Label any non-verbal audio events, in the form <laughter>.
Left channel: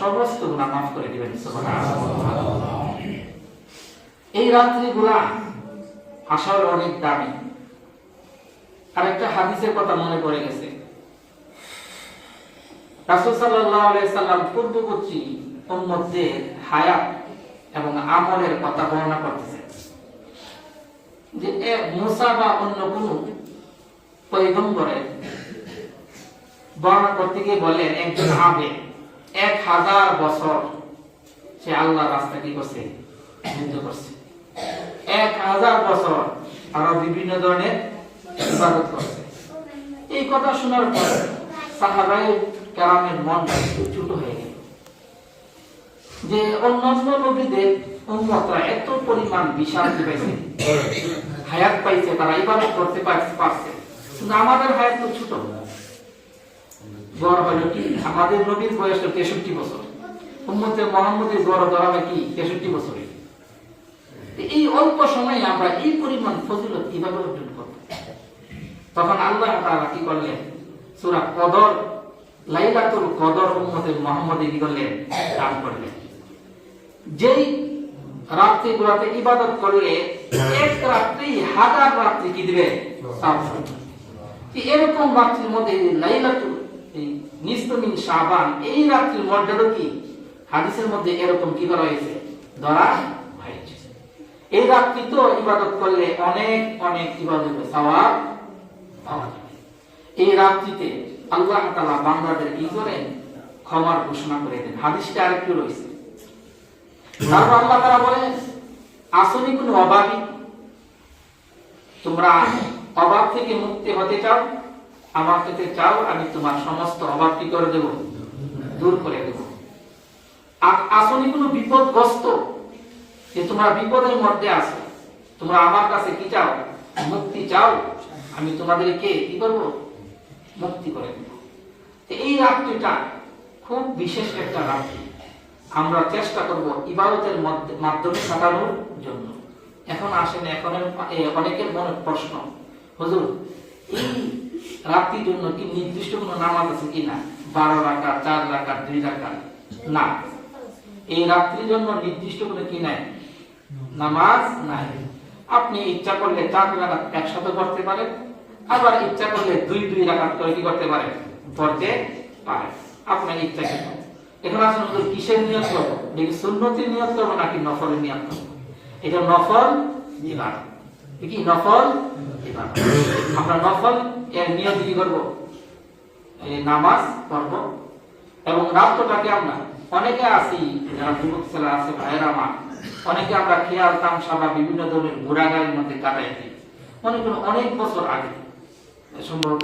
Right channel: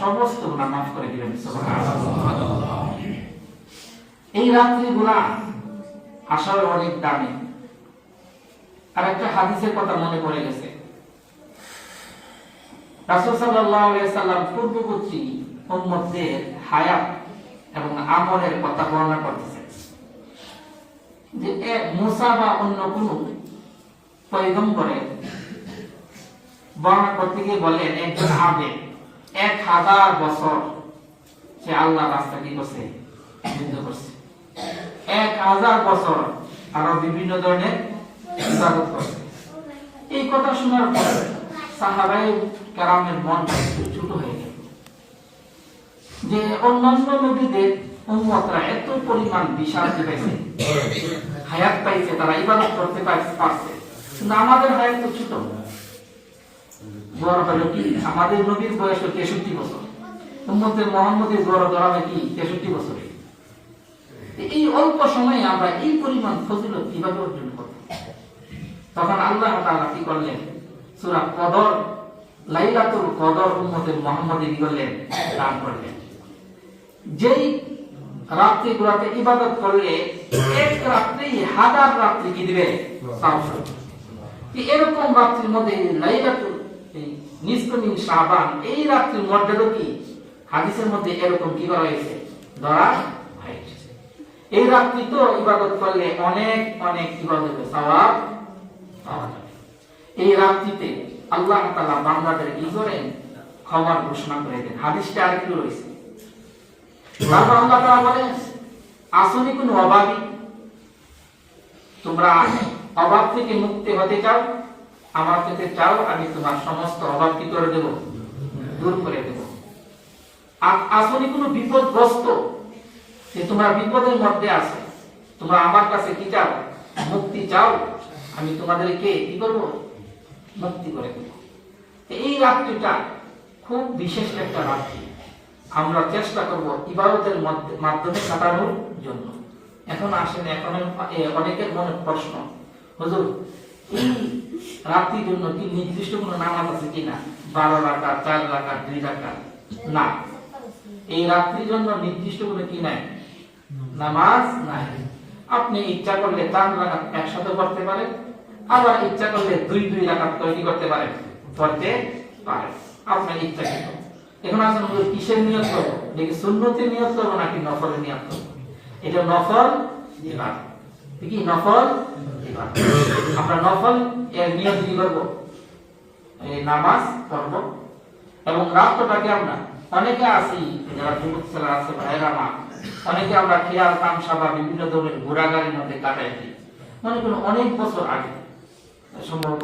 সমস্ত গুনাহ মাফ করে দিবেন এই রাত্রিগুলা আসলে অনেক দামি। আর একটা হাদিসের কথা মনে পড়ে গেছে। এবং আমলের কথা বর্ণনা যে এ মুসা বা অন্য কোন পয়গম্বরের বর্ণনা করতে গিয়ে বলেন একজন আবে এক হাজার বছর সে আল্লাহ রাস্তা কি করছে? যুদ্ধ করছে। এক হাজার বছর আরও বিভিন্ন ধরনের ইবাদত করছে। এই কথা শোনার পর সাহাবাই কেরামের মনটা একটু ছোট হয়ে গেল। যে অন্যান্য নবীদের উম্মতরা এত পরিমাণ বিশাল পেয়েছে হায়াত পাইছে, তারা ইবাদত করতে পারছে। কিন্তু আমাদের হায়াত তো ছোট। গড় হলো কি আমাদের নবীর বয়স হলো তেষট্টি বছর। উম্মতের মোহাম্মদের গড় ধরাবে কি? তেষট্টি বছরে। এই অল্প সময়ে আমরা এই পরিমাণ ফজিলত কীভাবে অর্জন করব? তখন আল্লাহ তাআলা কি করলেন? সূরা কদর, লাইলাতুল কদর উম্মতের মুহাম্মদে কি করলেন? দান করলেন। যেই রাত্রি গুলাতে ইবাদত করলে এক রাত্রি হাজার রাত্রি কি দিবে? এরকম রাত্রির মধ্যে লাইলাতুল নিস্তমিন শাবান এই রাত্রির মর্যাদা কি? হাদিসের মধ্যে এরকম কি ধরা এই রাত্রি তো ইবাদত করলে অনেক অনেক ইবাদত সওয়াব এই রাত্রিতে আল্লাহ তাআলা বান্দাদের কি করেন ক্ষমার ঘোষণা করে দেন। হাদিসটা আরেকটু রয়েছে। তারপর আল্লাহ তাআলা বলেন আসনি কোন অভাবী তোমরা অভাব থেকে মুক্তি হতে চাও? আমার থেকে চাও, আমি তোমার সমস্ত অভাব কি করে দেব? দূর করে দেব। আ- আসনি কোনো বিপদগ্রস্ত যে তোমরা বিপদের মধ্যে আছো, তোমরা আমার কাছে কি চাও? মুক্তি চাও? আমি তোমাদেরকে কি করব? মুক্তি করে দেব। এই রাত্রিটা খুব বিশেষ একটা রাত্রি। আমরা চেষ্টা করব ইবাদতের মধ্যে- মাধ্যমে কাটানোর জন্য। এখন আসেন, এখন অনেকের মনে প্রশ্ন, হুজুর <coughs> রাত্রির জন্য কি নির্দিষ্ট কোনো নামাজ আছে কিনা বারো রাখা চার রাখা দুই রাখা না। এই রাত্রির জন্য নির্দিষ্ট কোনো কি নাই? নামাজ নাই। আপনি ইচ্ছা করলে চার রাখাত একসাথে পড়তে পারেন, আবার ইচ্ছা করলে দুই দুই রাখাত তৈরি করতে পারেন, পড়তে পারেন। আপনার ইচ্ছা কিন্তু এখন হুজুর, কিসের নিয়ত করব? সুন্নতির নিয়ত করব নাকি নফলের নিয়ত করব? এটা নফল ইবাদত। কি, নফল? আমরা নফল এর কি করব? নামাজ পড়ব। এবং রাত্রটাকে আমরা? অনেকে আসি যারা যুবক ছেলে আছে মা। অনেকে আমরা খেয়াল, তামসা বা বিভিন্ন ধরনের ঘোরাগাড়ির মধ্যে কাটাই দিই মনে করুন, অনেক বছর আগে। সম্ভবত